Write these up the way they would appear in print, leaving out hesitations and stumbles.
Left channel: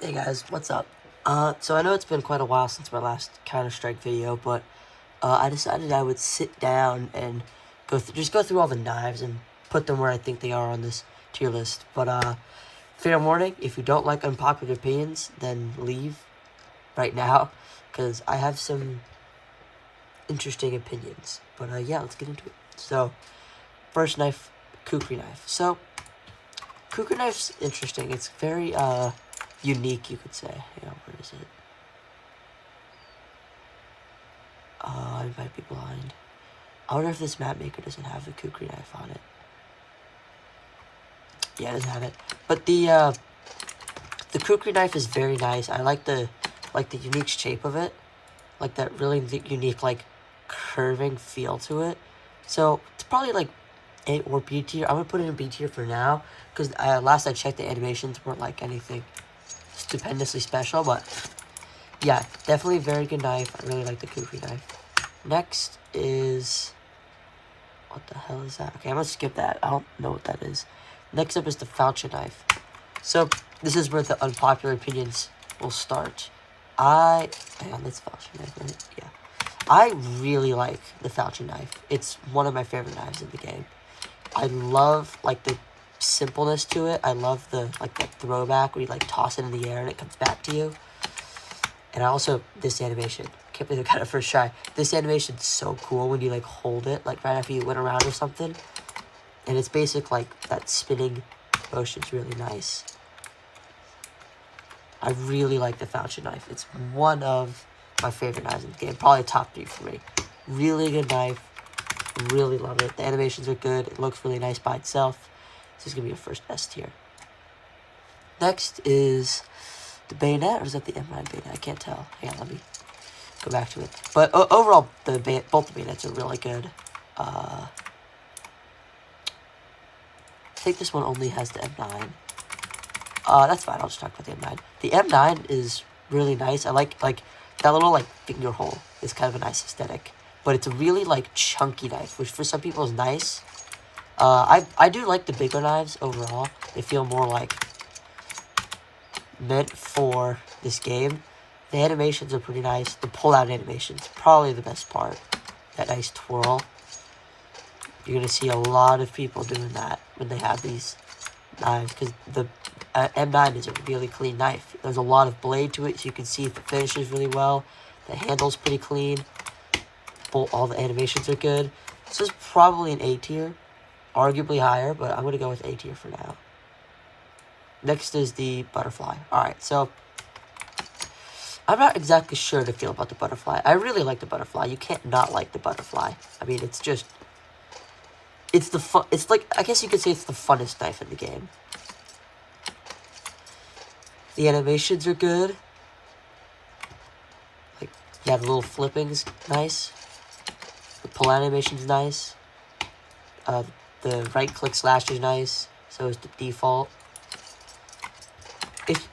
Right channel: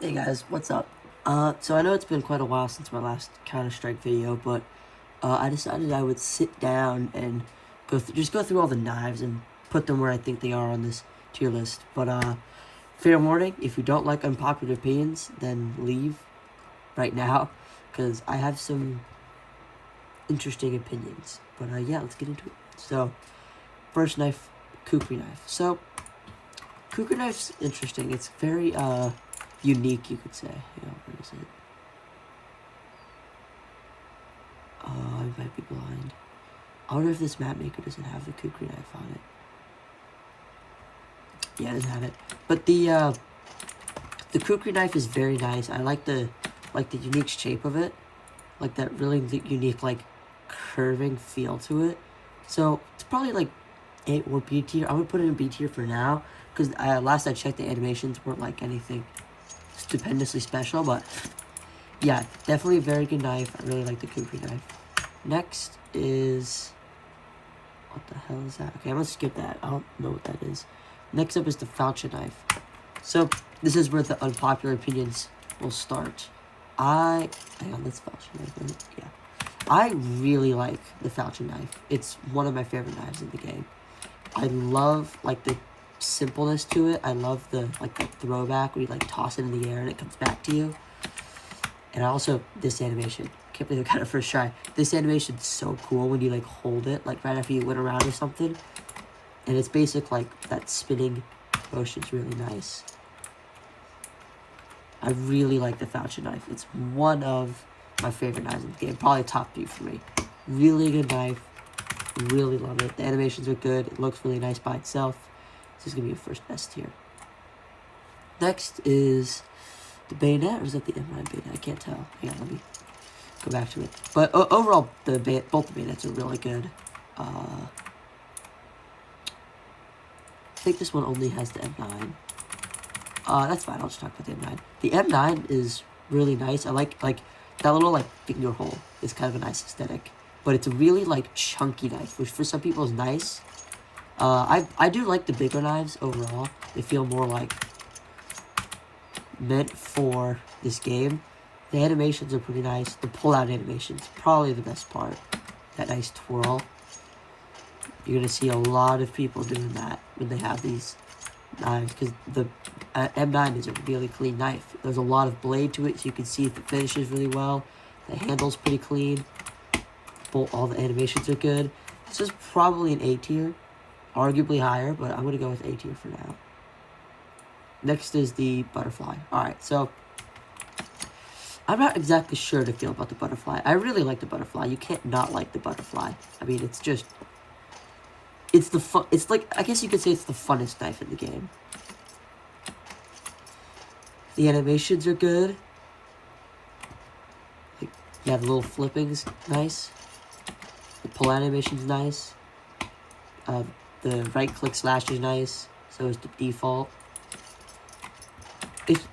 Hey guys, what's up? So I know it's been quite a while since my last Counter-Strike video, but I decided I would sit down and just go through all the knives and put them where I think they are on this tier list. But fair warning, if you don't like unpopular opinions, then leave right now, because I have some interesting opinions. But yeah, let's get into it. So, first knife, kukri knife. So, kukri knife's interesting. It's very unique, you could say. Hang on, where is it? I might be blind. I wonder if this map maker doesn't have the kukri knife on it. Yeah, it doesn't have it. But the kukri knife is very nice. I like the unique shape of it, like that really unique like curving feel to it. So it's probably like A or B tier. I would put it in B tier for now, because last I checked, the animations weren't like anything stupendously special. But yeah, definitely a very good knife. I really like the kukri knife. Next is, what the hell is that? Okay, I'm gonna skip that. I don't know what that is. Next up is the falchion knife. So this is where the unpopular opinions will start. That's falchion knife, right? Yeah. I really like the falchion knife. It's one of my favorite knives in the game. I love like the simpleness to it. I love the throwback where you like toss it in the air and it comes back to you. And also this animation. Can't believe I got it first try. This animation's so cool when you like hold it like right after you went around or something. And it's basic like that spinning motion's really nice. I really like the falchion knife. It's one of my favorite knives in the game. Probably top 3 for me. Really good knife. Really love it. The animations are good. It looks really nice by itself. This is going to be a first S tier. Next is the bayonet, or is that the M9 bayonet? I can't tell. Hang on, let me go back to it. But overall, both the bayonets are really good. I think this one only has the M9. That's fine. I'll just talk about the M9. The M9 is really nice. I like that little like finger hole is kind of a nice aesthetic. But it's a really like chunky knife, which for some people is nice. I do like the bigger knives overall. They feel more like meant for this game. The animations are pretty nice. The pull-out animations, probably the best part. That nice twirl. You're going to see a lot of people doing that when they have these knives, because the M9 is a really clean knife. There's a lot of blade to it, so you can see if it finishes really well. The handle's pretty clean. All the animations are good. This is probably an A tier. Arguably higher, but I'm going to go with A tier for now. Next is the butterfly. Alright, so I'm not exactly sure to feel about the butterfly. I really like the butterfly. You can't not like the butterfly. I mean, it's just... It's the fun... It's like... I guess you could say it's the funnest knife in the game. The animations are good. Like, you have the little flippings. Nice. The pull animation's nice. The right-click slash is nice. So is the default.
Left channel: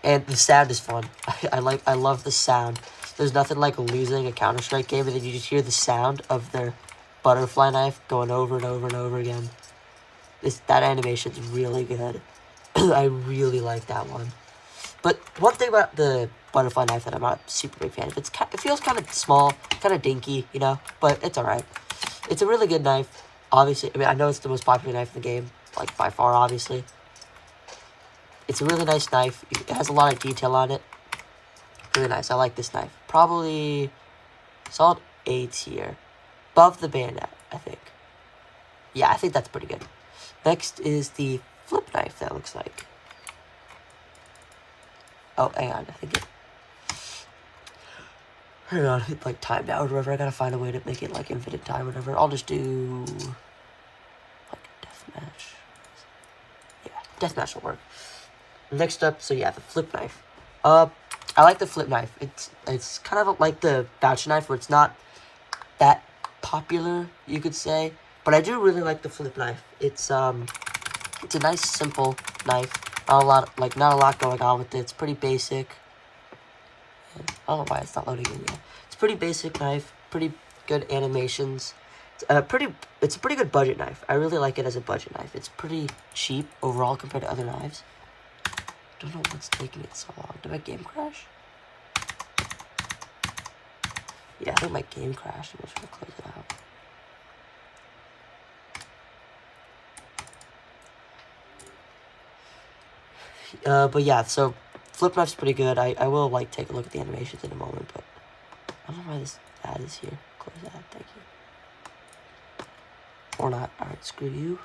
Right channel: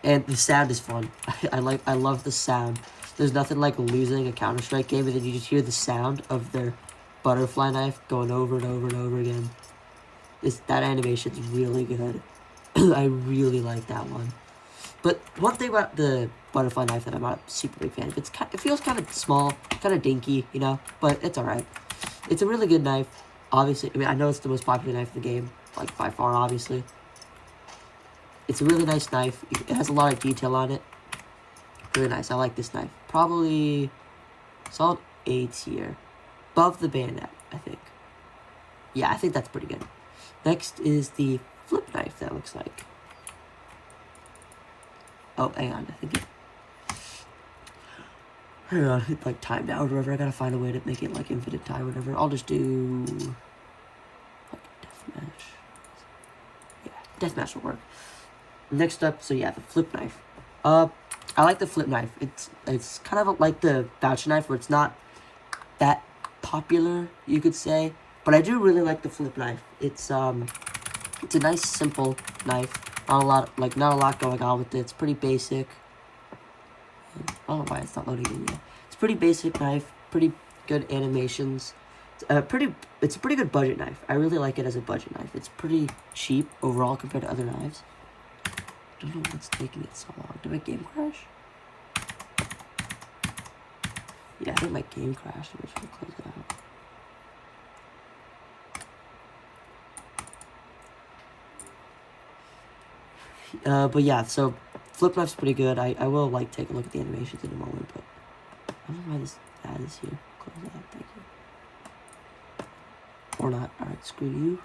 And the sound is fun. I love the sound. There's nothing like losing a Counter-Strike game and then you just hear the sound of their butterfly knife going over and over and over again. That animation's really good. I really like that one. But one thing about the butterfly knife that I'm not super big fan of, it feels kind of small, kind of dinky, you know, but it's alright. It's a really good knife. Obviously, I mean, I know it's the most popular knife in the game, like by far, obviously. It's a really nice knife. It has a lot of detail on it. Really nice. I like this knife. Probably solid A tier. Above the bayonet, I think. Yeah, I think that's pretty good. Next is the flip knife, that looks like. Oh, hang on. I think it... Hang on. It's like timed out or whatever. I gotta find a way to make it like infinite time or whatever. I'll just do... like deathmatch. Yeah, deathmatch will work. Next up, so yeah, the flip knife. I like the flip knife. It's kind of like the falchion knife, where it's not that popular, you could say. But I do really like the flip knife. It's a nice, simple knife. Not a lot going on with it. It's pretty basic. And I don't know why it's not loading in yet. It's a pretty basic knife. Pretty good animations. It's a pretty good budget knife. I really like it as a budget knife. It's pretty cheap overall compared to other knives. don't know what's taking it so long. Did my game crash? Yeah, I think my game crashed. I'm just gonna close it out. But yeah, so flip knife's pretty good. I will like take a look at the animations in a moment, but I don't know why this ad is here. Close that, thank you. Or not. Alright, screw you.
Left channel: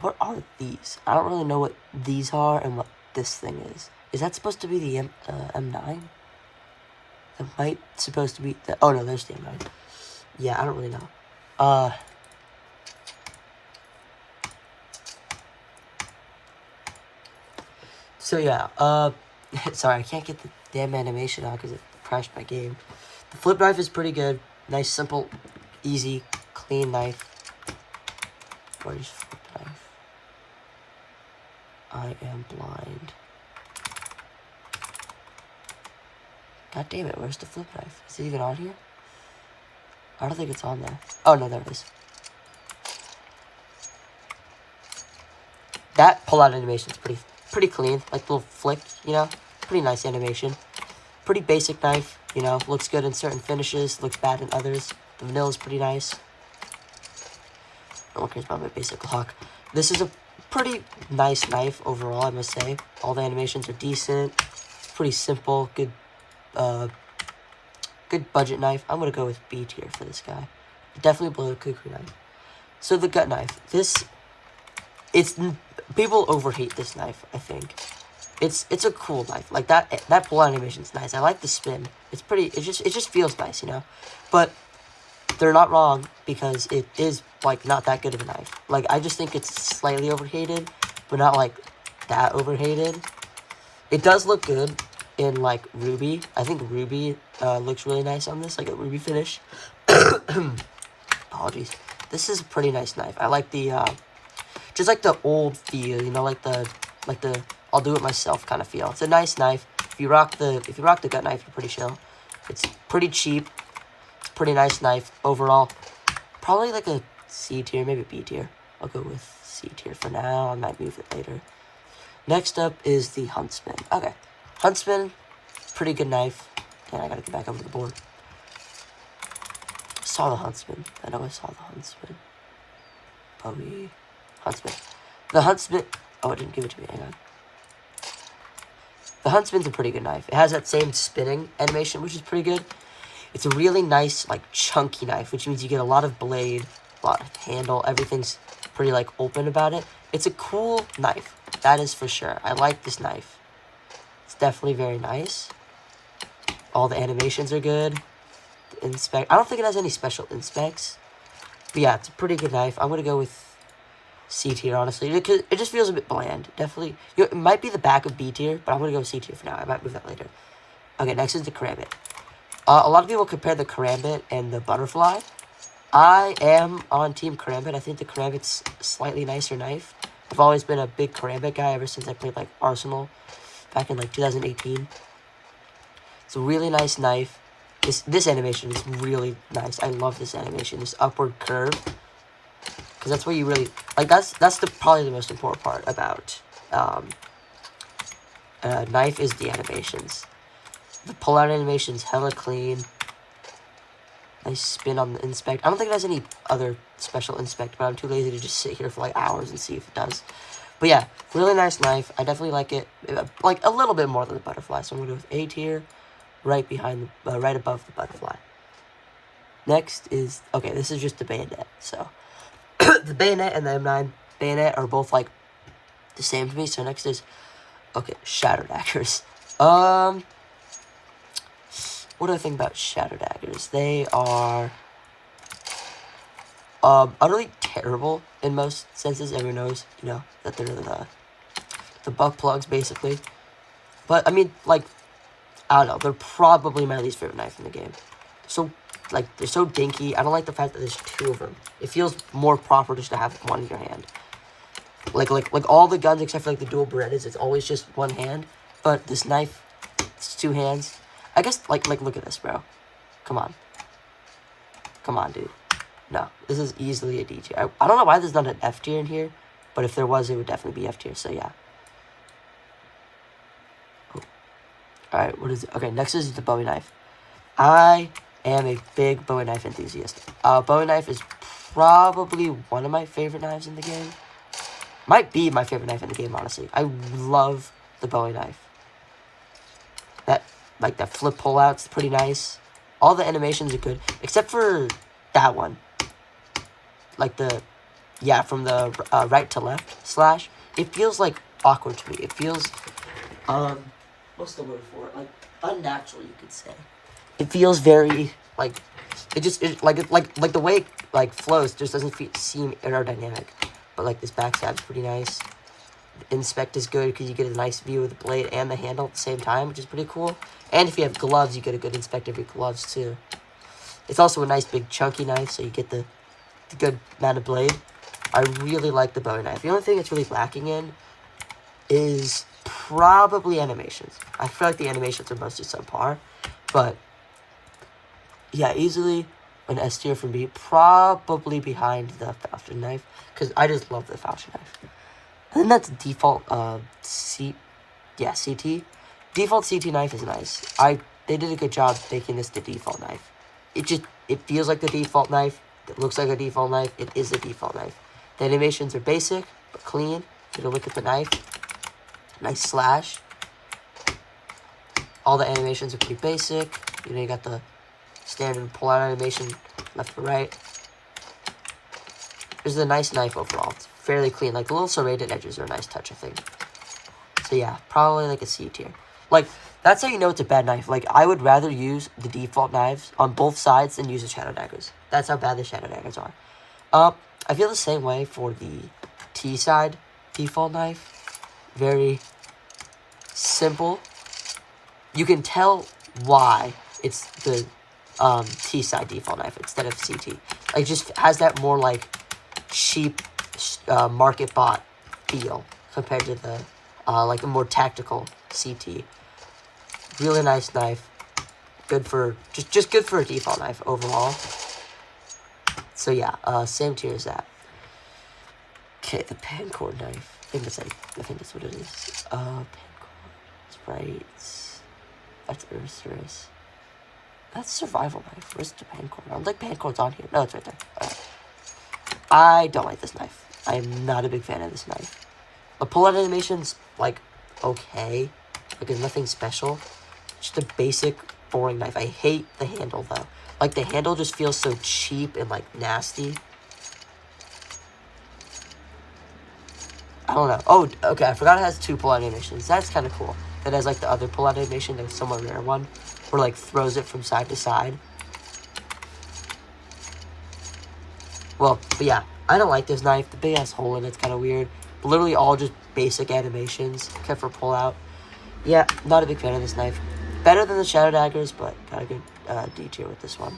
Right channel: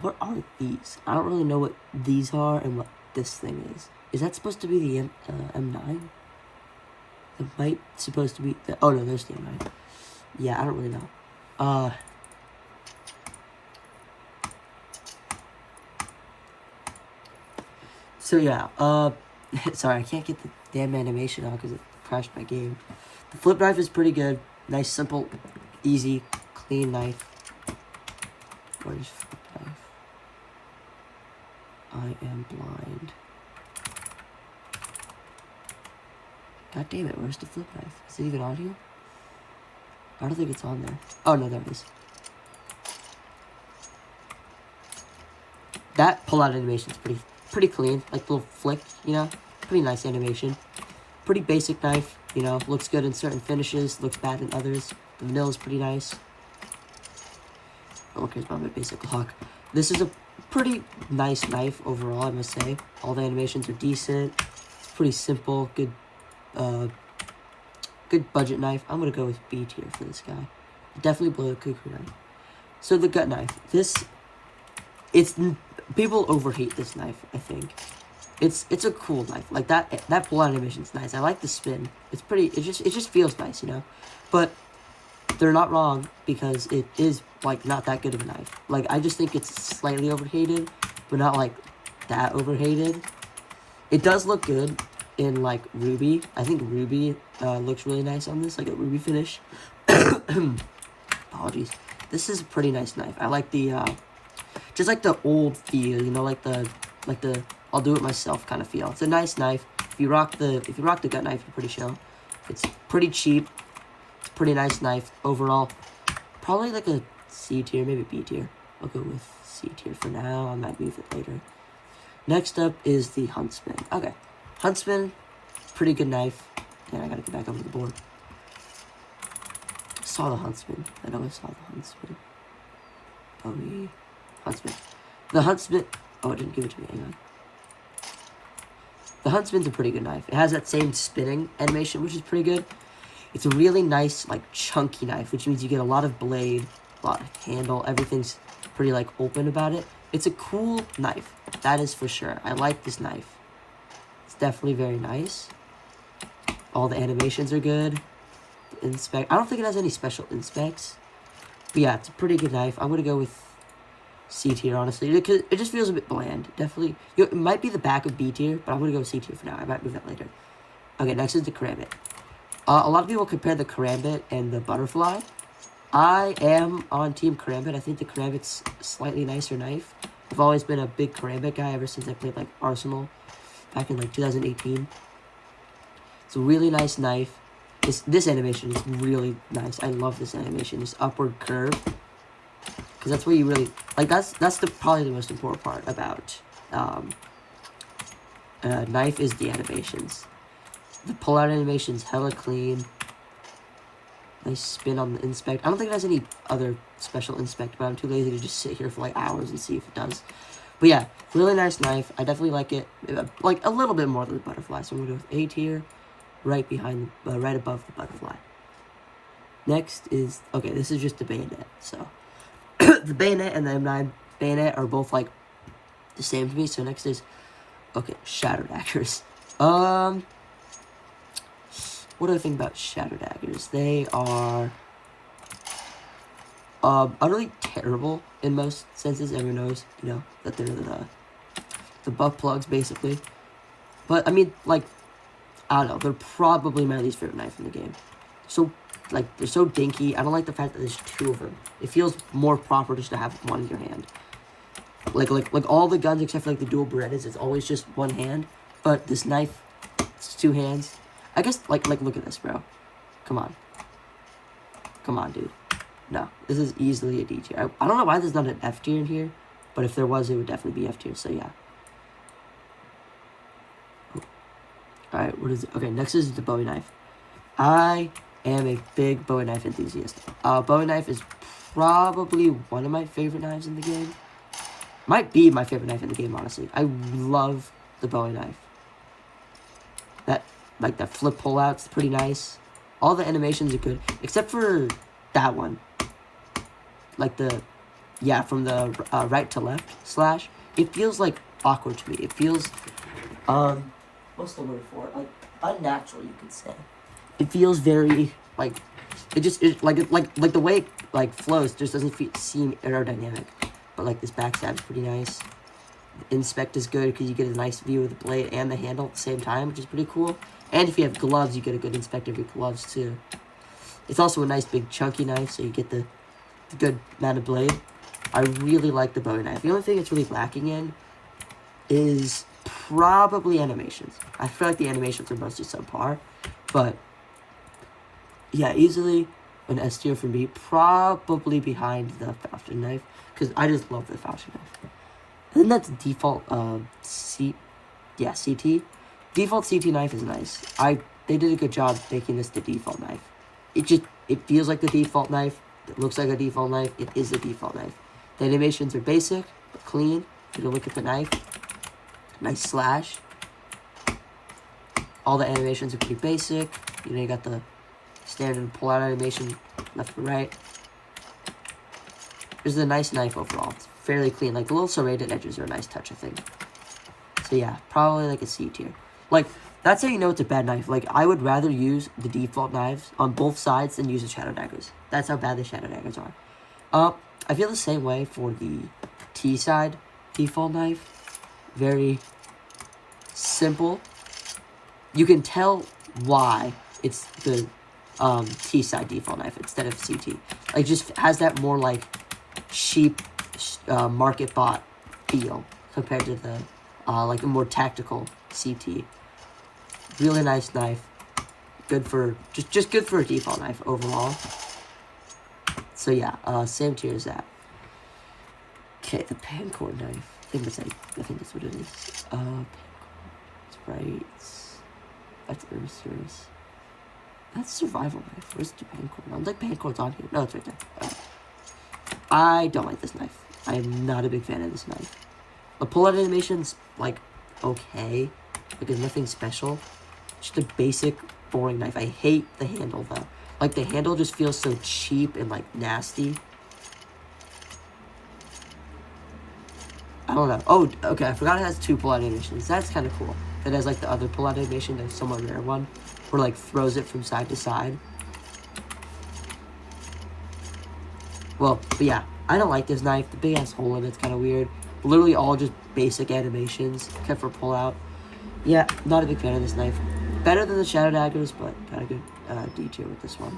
What are these? I don't really know what these are and what this thing is. Is that supposed to be the M9? That might supposed to be the, oh no, there's the M9. Yeah, I don't really know. So yeah, sorry, I can't get the damn animation out because it crashed my game. The flip knife is pretty good. Nice, simple, easy, clean knife. Where's flip knife? I am blind. God damn it, where's the flip knife? Is it even on here? I don't think it's on there. Oh no, there it is. That pull-out animation is pretty clean. Like little flick, you know? Pretty nice animation. Pretty basic knife, you know? Looks good in certain finishes, looks bad in others. The vanilla is pretty nice. No one cares about my basic lock. This is a pretty nice knife overall, I must say. All the animations are decent. It's pretty simple, good budget knife. I'm gonna go with B tier for this guy. Definitely below the kukri knife. So the gut knife. People overhate this knife, I think. It's a cool knife. Like that pull animation's nice. I like the spin. It's pretty, it just feels nice, you know? But they're not wrong because it is like not that good of a knife. Like I just think it's slightly overhated, but not like that overhated. It does look good in like ruby. I think ruby looks really nice on this, like a ruby finish. Apologies. This is a pretty nice knife. I like the just like the old feel, you know, like the I'll do it myself kind of feel. It's a nice knife. If you rock the gut knife, you're pretty chill. It's pretty cheap. It's a pretty nice knife overall. Probably like a C tier, maybe B tier. I'll go with C tier for now. I might move it later. Next up is the Huntsman. Okay, Huntsman, pretty good knife. And I gotta get back up to the board. I saw the Huntsman. I know I saw the Huntsman. Probably Huntsman. The Huntsman. Oh, it didn't give it to me. Hang on. The Huntsman's a pretty good knife. It has that same spinning animation, which is pretty good. It's a really nice, like, chunky knife, which means you get a lot of blade, a lot of handle. Everything's pretty, like, open about it. It's a cool knife. That is for sure. I like this knife. It's definitely very nice. All the animations are good. I don't think it has any special inspects. But yeah, it's a pretty good knife. I'm going to go with C tier, honestly. Because it just feels a bit bland. Definitely. You know, it might be the back of B tier, but I'm going to go C tier for now. I might move that later. Okay, next is the Karambit. A lot of people compare the Karambit and the Butterfly. I am on Team Karambit. I think the Karambit's a slightly nicer knife. I've always been a big Karambit guy ever since I played, like, Arsenal back in, like, 2018. It's a really nice knife. This animation is really nice. I love this animation. This upward curve. Because that's where you really... Like, that's probably the most important part about knife is the animations. The pull-out animation's hella clean. Nice spin on the inspect. I don't think it has any other special inspect, but I'm too lazy to just sit here for like hours and see if it does. But yeah, really nice knife. I definitely like it. Like a little bit more than the Butterfly. So I'm gonna go with A tier, right behind, right above the Butterfly. Next is, okay, this is just the Bayonet. So the Bayonet and the M9 Bayonet are both like the same to me. So next is, okay, Shadow Daggers. What do I think about Shadow Daggers? They are utterly terrible in most senses. Everyone knows, you know, that they're the butt plugs, basically. But, I mean, like, I don't know. They're probably my least favorite knife in the game. So, like, they're so dinky. I don't like the fact that there's two of them. It feels more proper just to have one in your hand. Like all the guns except for, like, the dual Berettas, it's always just one hand. But this knife, it's two hands. I guess, like, look at this, bro. Come on. Come on, dude. No, this is easily a D tier. I don't know why there's not an F tier in here, but if there was, it would definitely be F tier, so yeah. Oh. Alright, what is it? Okay, next is the Bowie knife. I am a big Bowie knife enthusiast. Bowie knife is probably one of my favorite knives in the game. Might be my favorite knife in the game, honestly. I love the Bowie knife. That flip pull-out's pretty nice. All the animations are good, except for that one. Like from the right to left slash. It feels, like, awkward to me. It feels, what's the word for it? Like, unnatural, you could say. It feels very, like, like the way it, like, flows just doesn't seem aerodynamic. But, like, this backstab's pretty nice. The inspect is good because you get a nice view of the blade and the handle at the same time, which is pretty cool. And if you have gloves, you get a good inspect of your gloves, too. It's also a nice big chunky knife, so you get the good amount of blade. I really like the Bowie knife. The only thing it's really lacking in is probably animations. I feel like the animations are mostly subpar, but yeah, easily an S tier from me, probably behind the Falchion knife, because I just love the Falchion knife. And then that's default CT. Default CT knife is nice. They did a good job making this the default knife. It feels like the default knife. It looks like a default knife. It is a default knife. The animations are basic, but clean. Take a look at the knife. Nice slash. All the animations are pretty basic. You know, you got the standard pull-out animation, left to right. This is a nice knife overall. It's fairly clean. Like, the little serrated edges are a nice touch, I think. So, yeah, probably, like, a C tier. Like, that's how you know it's a bad knife. Like, I would rather use the default knives on both sides than use the shadow daggers. That's how bad the shadow daggers are. I feel the same way for the T side default knife. Very simple. You can tell why it's the T side default knife instead of CT. Like, it just has that more, like, cheap market bot feel compared to the like a more tactical CT. Really nice knife. Good for just good for a default knife overall. So yeah, same tier as that. Okay, the Pancord knife. I think that's what it is. Pancord sprites. That's Earth Race. That's survival knife. Where's the Pancord? I don't think Pancord's on here. No, it's right there. I don't like this knife. I'm not a big fan of this knife. The pull-out animation's, like, okay. Like, there's nothing special. Just a basic, boring knife. I hate the handle, though. Like, the handle just feels so cheap and, like, nasty. I don't know. Oh, okay, I forgot it has 2 pull-out animations. That's kind of cool. It has, like, the other pull-out animation, the somewhat rare one, where, like, throws it from side to side. Well, but yeah, I don't like this knife. The big-ass hole in it's kind of weird. Literally all just basic animations, except for pull-out. Yeah, not a big fan of this knife. Better than the shadow daggers, but got a good D tier with this one.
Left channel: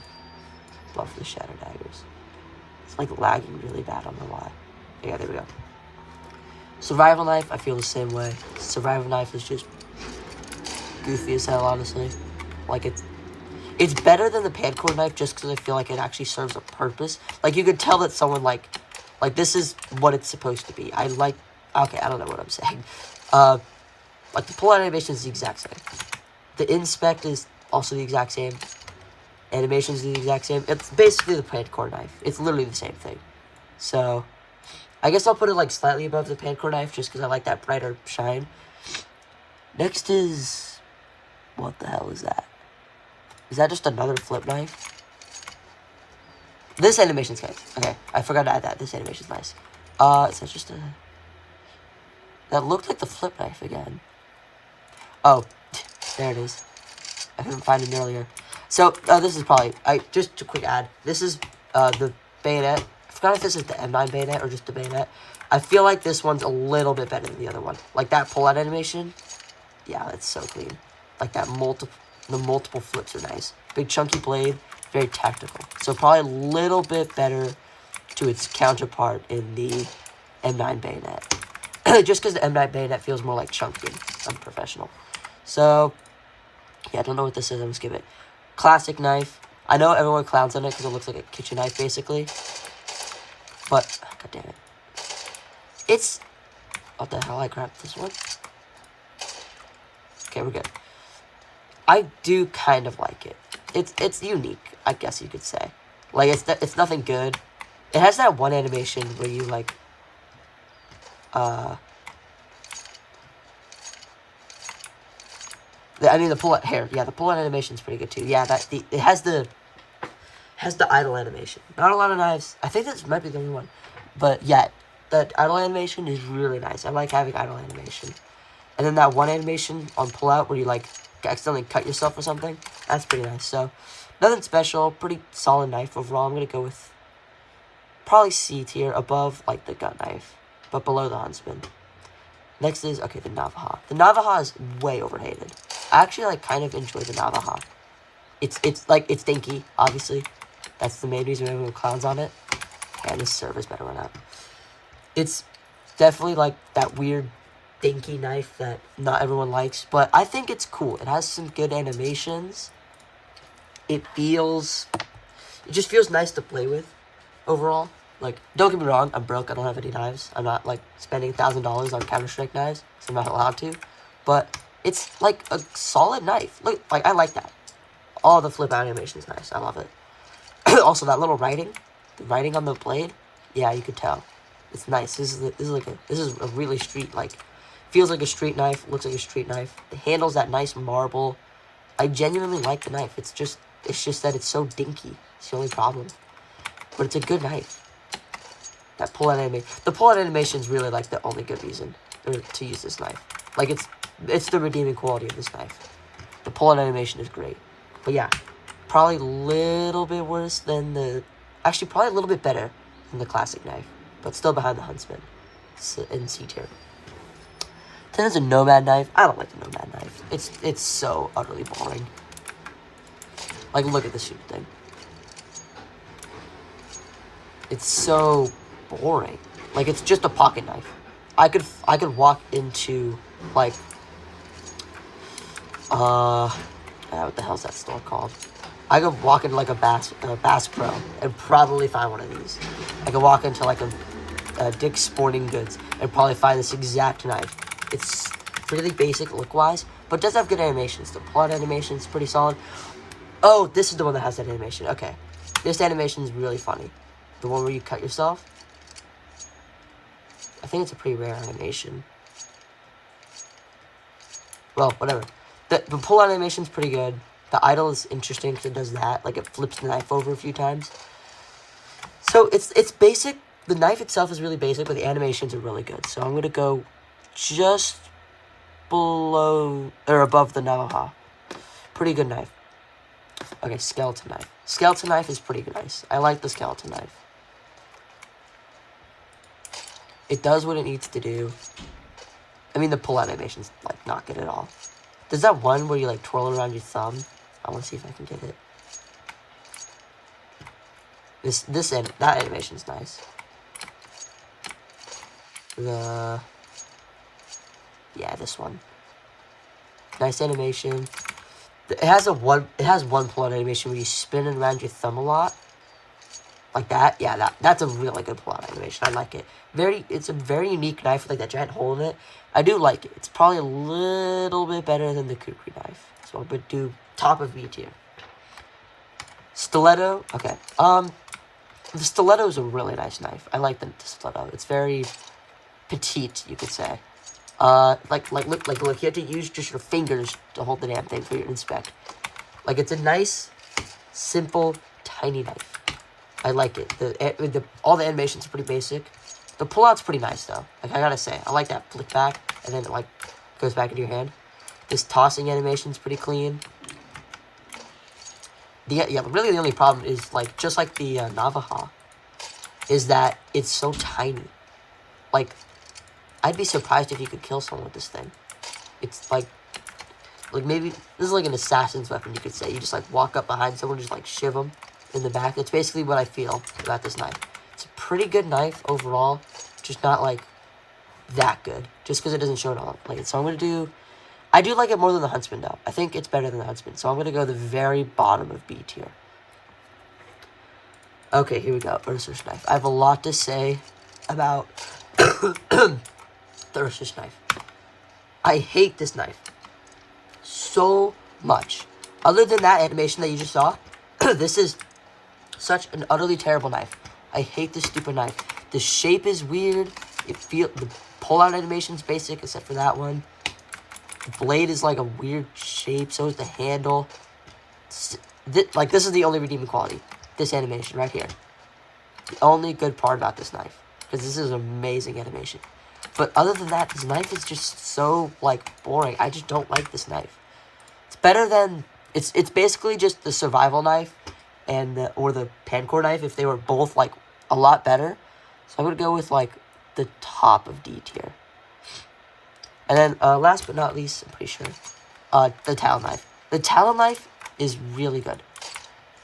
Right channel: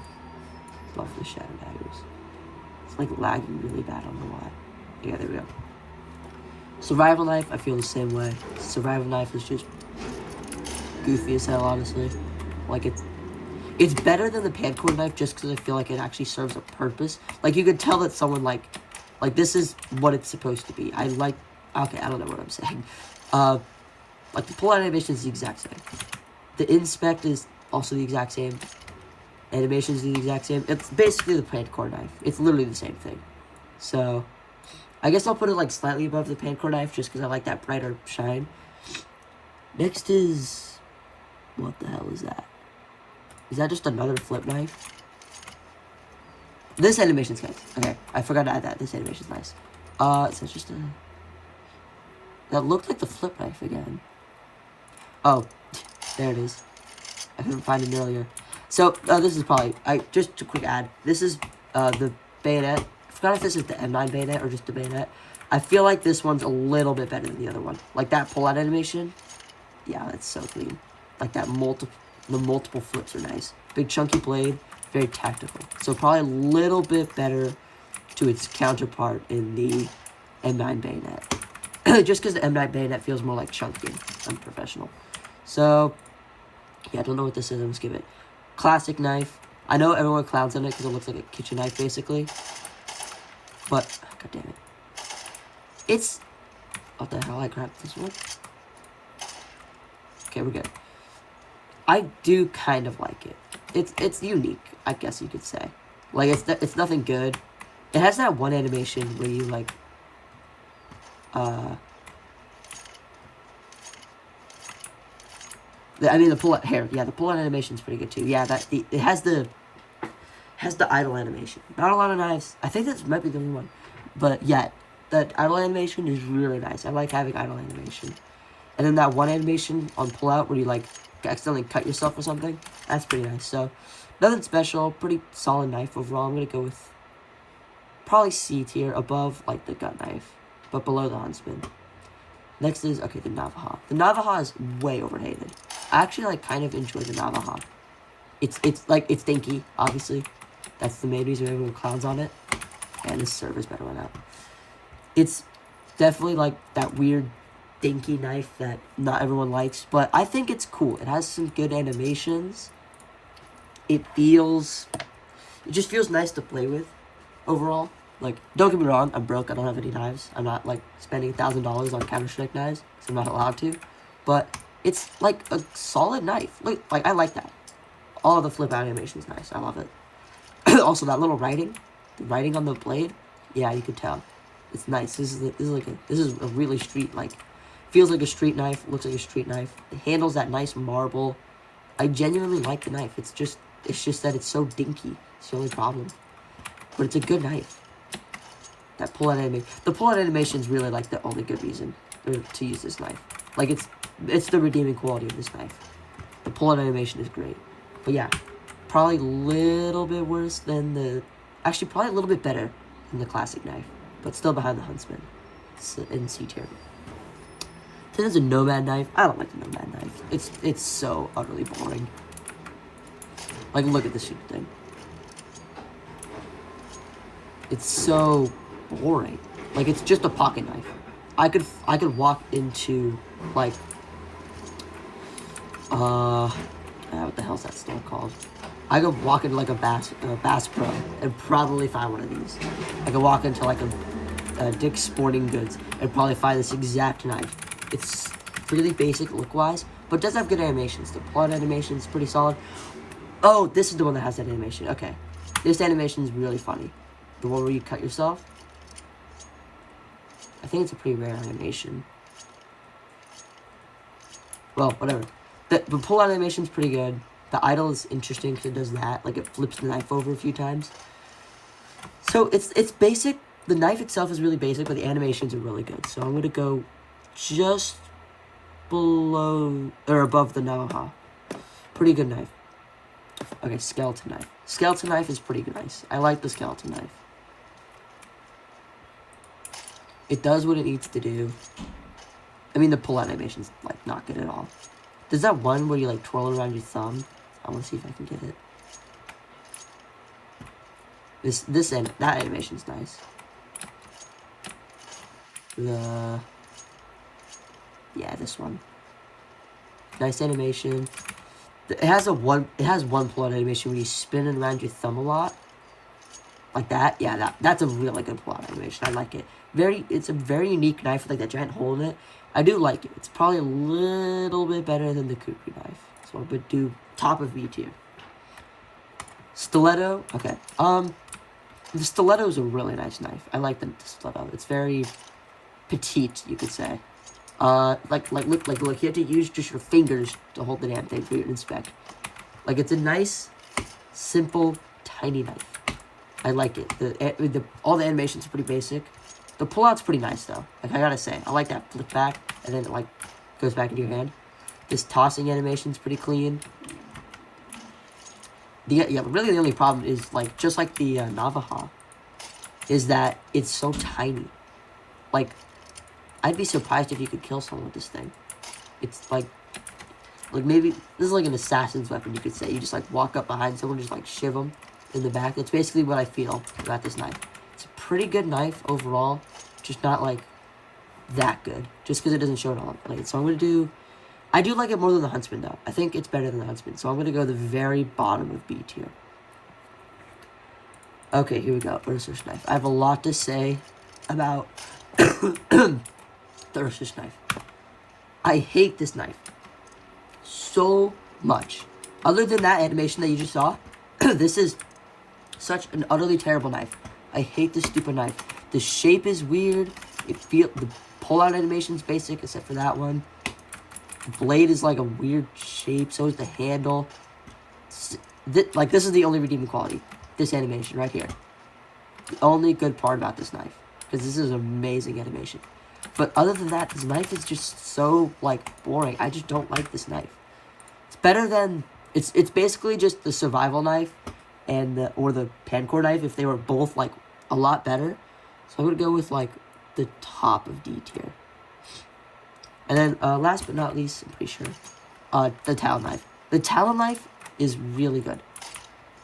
Love the shadow daggers. It's, like, lagging really bad, I don't know why. Yeah, there we go. Survival knife, I feel the same way. Survival knife is just goofy as hell, honestly. Like, it's better than the Pancord knife just because I feel like it actually serves a purpose. Like, you could tell that someone, like, this is what it's supposed to be. Okay, I don't know what I'm saying. Like, the pull-out animation is the exact same. The inspect is also the exact same. Animation is the exact same. It's basically the Pancord knife. It's literally the same thing. So, I guess I'll put it, like, slightly above the Pancord knife just because I like that brighter shine. Next is... what the hell is that? Is that just another flip knife? This animation's good. Okay, I forgot to add that. This animation's nice. Is that just a... that looked like the flip knife again. Oh, there it is. I couldn't find it earlier. So, this is probably... just a quick ad. This is, the bayonet. I forgot if this is the M9 bayonet or just the bayonet. I feel like this one's a little bit better than the other one. Like, that pull-out animation. Yeah, it's so clean. Like, the multiple flips are nice. Big chunky blade, very tactical. So probably a little bit better to its counterpart in the M9 bayonet. Just because the M9 bayonet feels more like chunky and unprofessional. So, yeah, I don't know what this is. Let's give it. Classic knife. I know everyone clowns on it because it looks like a kitchen knife, basically. But, god damn it. It's... What the hell, I grabbed this one? Okay, we're good. I do kind of like it. It's unique, I guess you could say. Like, it's nothing good. It has that one animation where you, like... I mean, the pull-out hair. Yeah, the pull-out animation is pretty good, too. Yeah, it has the idle animation. Not a lot of knives. I think this might be the only one. But, yeah, that idle animation is really nice. I like having idle animation. And then that one animation on pull-out where you, like, accidentally cut yourself or something. That's pretty nice. So, nothing special. Pretty solid knife overall. I'm going to go with probably C tier, above, like, the gut knife. But below the Huntsman. Next is, okay, the Navaja. The Navaja is way overhated. I actually, like, kind of enjoy the Navaja. It's dinky, obviously. That's the main reason everyone clowns on it. And this server's better run out. It's definitely, like, that weird dinky knife that not everyone likes. But I think it's cool. It has some good animations. It just feels nice to play with, overall. Like, don't get me wrong, I'm broke, I don't have any knives. I'm not, like, spending $1,000 on Counter-Strike knives, because I'm not allowed to. But it's, like, a solid knife. Look, like, I like that. All the flip out animation is nice. I love it. Also, that little writing, the writing on the blade, yeah, you could tell. It's nice. This is a really street, like, feels like a street knife, looks like a street knife. The handle's that nice marble. I genuinely like the knife. It's just that it's so dinky. It's the only problem. But it's a good knife. That pull-out animation. The pull-out animation is really, like, the only good reason to use this knife. Like, it's the redeeming quality of this knife. The pull-out animation is great. But, yeah. Probably a little bit worse than the... Actually, probably a little bit better than the classic knife. But still behind the Huntsman. In C tier. Then there's a Nomad knife. I don't like the Nomad knife. It's so utterly boring. Like, look at this stupid thing. It's so... boring. Like, it's just a pocket knife. I could walk into, like, what the hell's that store called? I could walk into, like, a Bass Pro and probably find one of these. I could walk into, like, a Dick's Sporting Goods and probably find this exact knife. It's really basic look-wise, but it does have good animations. The plot animation is pretty solid. Oh, this is the one that has that animation. Okay. This animation is really funny. The one where you cut yourself. I think it's a pretty rare animation. Well, whatever. The pull-out animation is pretty good. The idle is interesting because it does that. Like, it flips the knife over a few times. So, it's basic. The knife itself is really basic, but the animations are really good. So, I'm going to go just below, or above the Navaja. Pretty good knife. Okay, skeleton knife. Skeleton knife is pretty nice. I like the skeleton knife. It does what it needs to do. I mean, the pull-out animation's, like, not good at all. There's that one where you, like, twirl it around your thumb. I want to see if I can get it. That animation's nice. Yeah, this one. Nice animation. It has one pull-out animation where you spin it around your thumb a lot. Like that. Yeah, that's a really good pull-out animation. I like it. It's a very unique knife with, like, that giant hole in it. I do like it. It's probably a little bit better than the kukri knife. So I'm going to do top of B tier. Stiletto. Okay. The stiletto is a really nice knife. I like the stiletto. It's very petite, you could say. Look, you have to use just your fingers to hold the damn thing for you to inspect. Like, it's a nice, simple, tiny knife. I like it. All the animations are pretty basic. The pullout's pretty nice, though. Like, I gotta say, I like that flick back, and then it, like, goes back into your hand. This tossing animation's pretty clean. Really the only problem is, like, just like the Navaja, is that it's so tiny. Like, I'd be surprised if you could kill someone with this thing. It's, like maybe, this is like an assassin's weapon, you could say. You just, like, walk up behind someone, just, like, shiv them in the back. That's basically what I feel about this knife. It's a pretty good knife overall, just not, like, that good. Just because it doesn't show it all blade. So I'm going to do, I do like it more than the Huntsman, though. I think it's better than the Huntsman. So I'm going to go the very bottom of B tier. Okay, here we go. Ursus knife. I have a lot to say about the Ursus knife. I hate this knife so much. Other than that animation that you just saw, this is such an utterly terrible knife. I hate this stupid knife. The shape is weird. The pull-out animation is basic, except for that one. The blade is like a weird shape. So is the handle. This is the only redeeming quality. This animation right here. The only good part about this knife, because this is amazing animation. But other than that, this knife is just so like boring. I just don't like this knife. It's better than it's basically just the survival knife and or the Pancor knife if they were both like a lot better. So I'm gonna go with like the top of D tier. And then last but not least, I'm pretty sure, the Talon knife. The Talon knife is really good.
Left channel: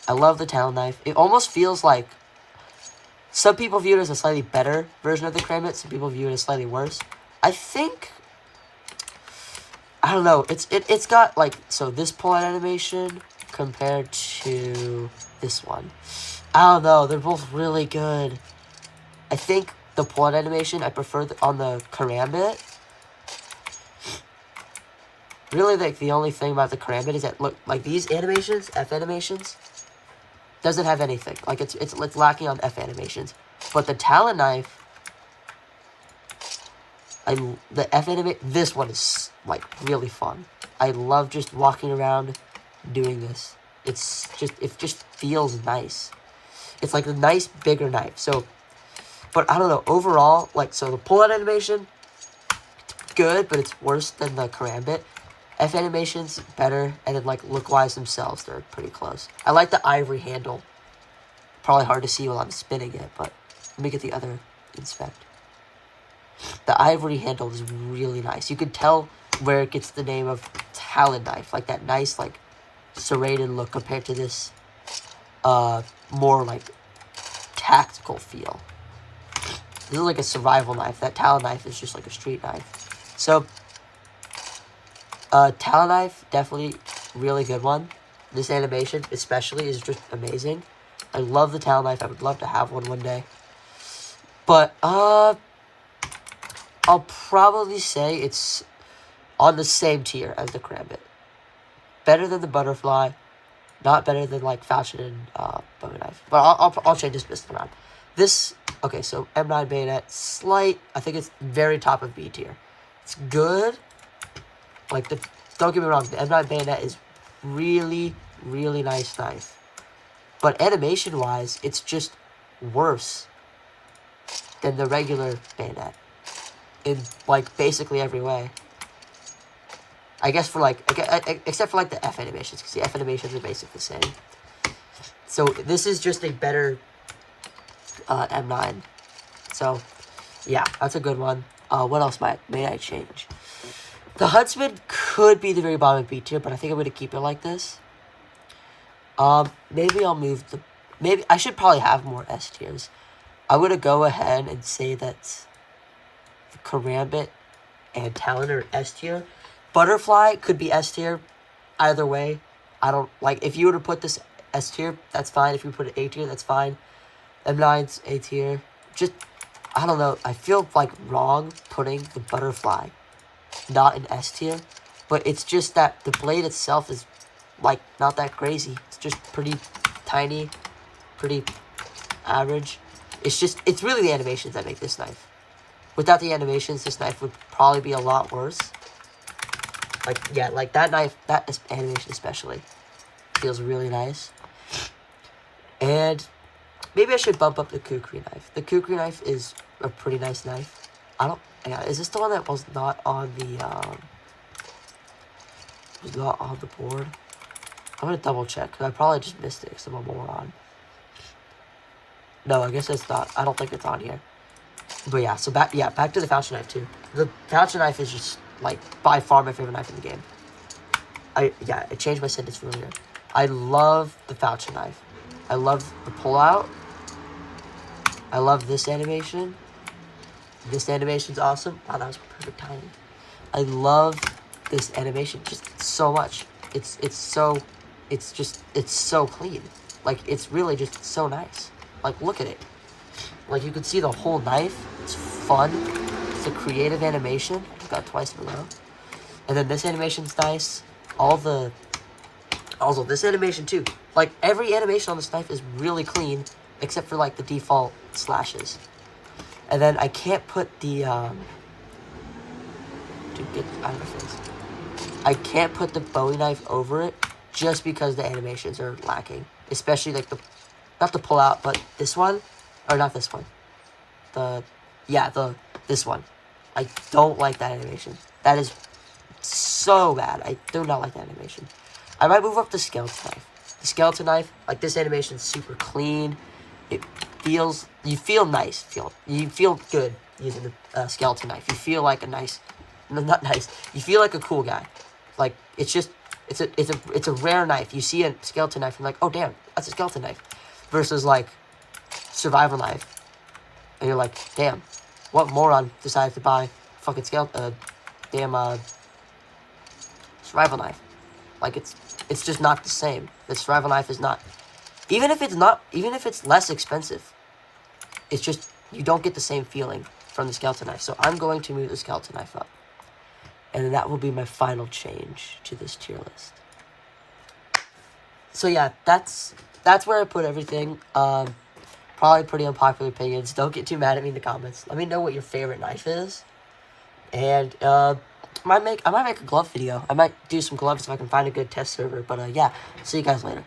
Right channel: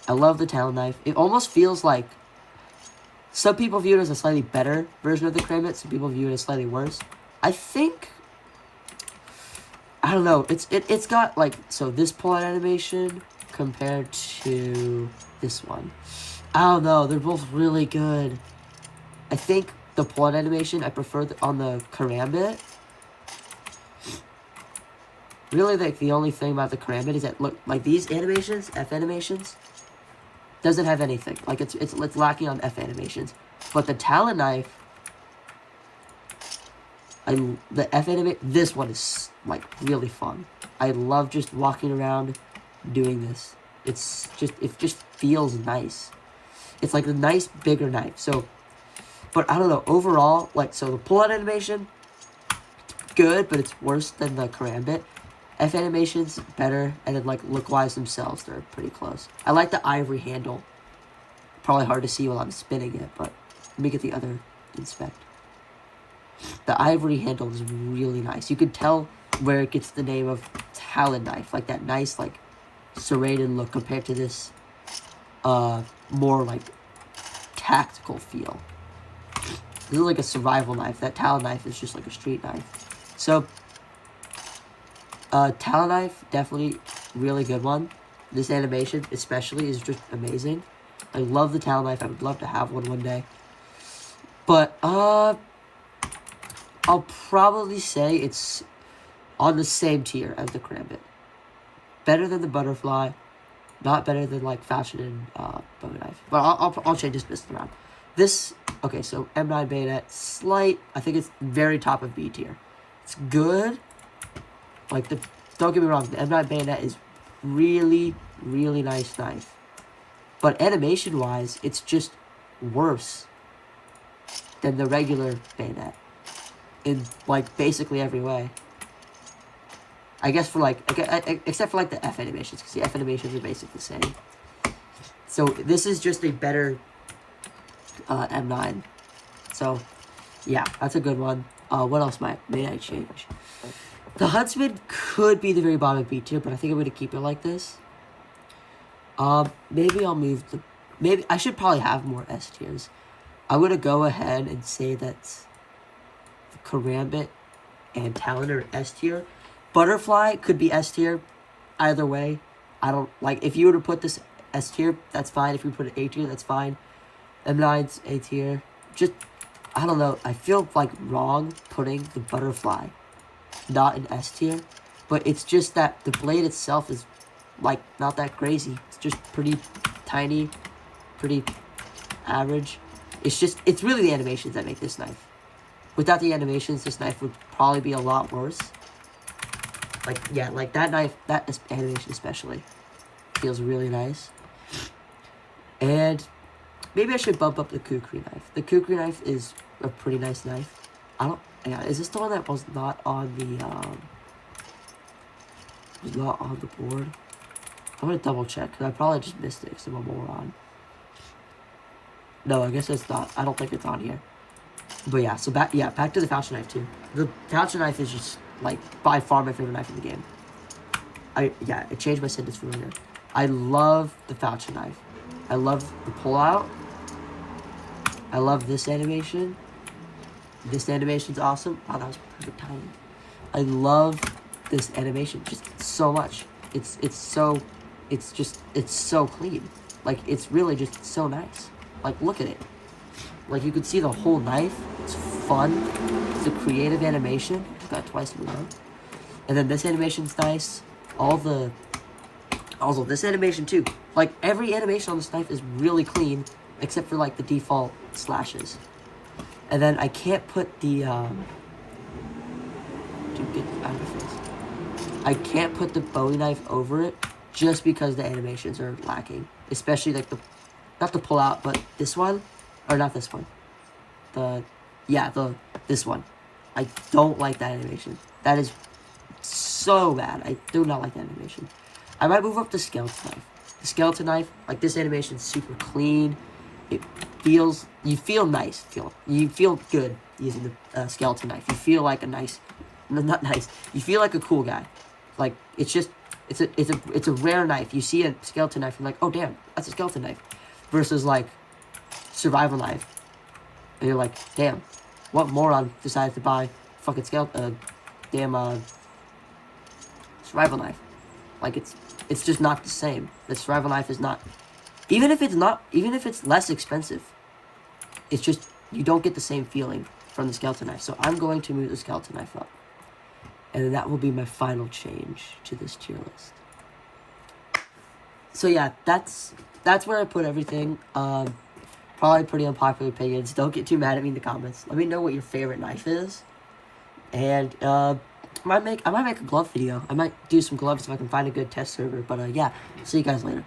I love the Talon knife. It almost feels like some people view it as a slightly better version of the Karambit. Some people view it as slightly worse. I think, I don't know. It's got like, so this pull-out animation compared to this one. I don't know. They're both really good. I think the pull-out animation I prefer on the Karambit. Really, like the only thing about the Karambit is that look, like these animations, F animations, doesn't have anything. Like it's lacking on F animations. But the Talon knife, this one is like really fun. I love just walking around doing this. It just feels nice. It's like a nice bigger knife. So, but I don't know, overall, like, so the pull-out animation, it's good, but it's worse than the Karambit. F animations better, and then like look-wise themselves, they're pretty close. I like the ivory handle. Probably hard to see while I'm spinning it, but let me get the other inspect. The ivory handle is really nice. You could tell where it gets the name of Talon knife, like that nice, like serrated look compared to this more like tactical feel. This is like a survival knife. That Talon knife is just like a street knife. So Talon knife, definitely really good one. This animation especially is just amazing. I love the Talon knife. I would love to have one day. But I'll probably say it's on the same tier as the Karambit. Better than the Butterfly, not better than like Falchion and Bowie knife. But I'll change this around. This, okay, so M9 bayonet, slight. I think it's very top of B tier. It's good. Like don't get me wrong, the M9 bayonet is really, really nice knife. But animation-wise, it's just worse than the regular bayonet in like basically every way. I guess for like, except for like the F animations, because the F animations are basically the same. So this is just a better M9. So yeah, that's a good one. What else may I change? The Huntsman could be the very bottom of B tier, but I think I'm going to keep it like this. Maybe I'll move maybe I should probably have more S tiers. I'm going to go ahead and say that the Karambit and Talon are S tier. Butterfly could be S tier. Either way, I don't, like, if you were to put this S tier, that's fine. If you put it A tier, that's fine. M9's A tier. Just, I don't know. I feel like wrong putting the Butterfly not in S tier, but it's just that the blade itself is like not that crazy. It's just pretty tiny, pretty average. It's really the animations that make this knife. Without the animations, this knife would probably be a lot worse. Like, yeah, like that knife, that animation especially feels really nice. And maybe I should bump up the Kukri knife. The Kukri knife is a pretty nice knife. Yeah, is this the one that was not on the board? I'm gonna double check, because I probably just missed it, because I'm a moron. No, I guess it's not. I don't think it's on here. But yeah, so back to the Falchion knife too. The Falchion knife is just like by far my favorite knife in the game. It changed my sentence from earlier. I love the Falchion knife. I love the pullout. I love this animation. This animation's awesome. Wow, that was perfect timing. I love this animation just so much. It's so clean. Like, it's really just so nice. Like, look at it. Like, you can see the whole knife. It's fun. It's a creative animation. I just got it twice in a row. And then this animation's nice. Also, this animation too. Like, every animation on this knife is really clean, except for, like, the default slashes. And then I can't put the, Dude, get out of the face. I can't put the Bowie knife over it just because the animations are lacking. Especially, like, not the pull out, but this one. Or not this one. This one. I don't like that animation. That is so bad. I do not like that animation. I might move up the skeleton knife. The skeleton knife, like, this animation is super clean. You feel nice. You feel good using the skeleton knife. You feel like a nice, not nice. You feel like a cool guy. Like, it's a rare knife. You see a skeleton knife, and like, oh damn, that's a skeleton knife. Versus like survival knife, and you're like, damn, what moron decided to buy fucking survival knife? Like, it's just not the same. The survival knife is not, even if it's less expensive, it's just, you don't get the same feeling from the skeleton knife. So I'm going to move the skeleton knife up. And that will be my final change to this tier list. So yeah, that's where I put everything. Probably pretty unpopular opinions. Don't get too mad at me in the comments. Let me know what your favorite knife is. And I might make a glove video. I might do some gloves if I can find a good test server. But yeah, see you guys later.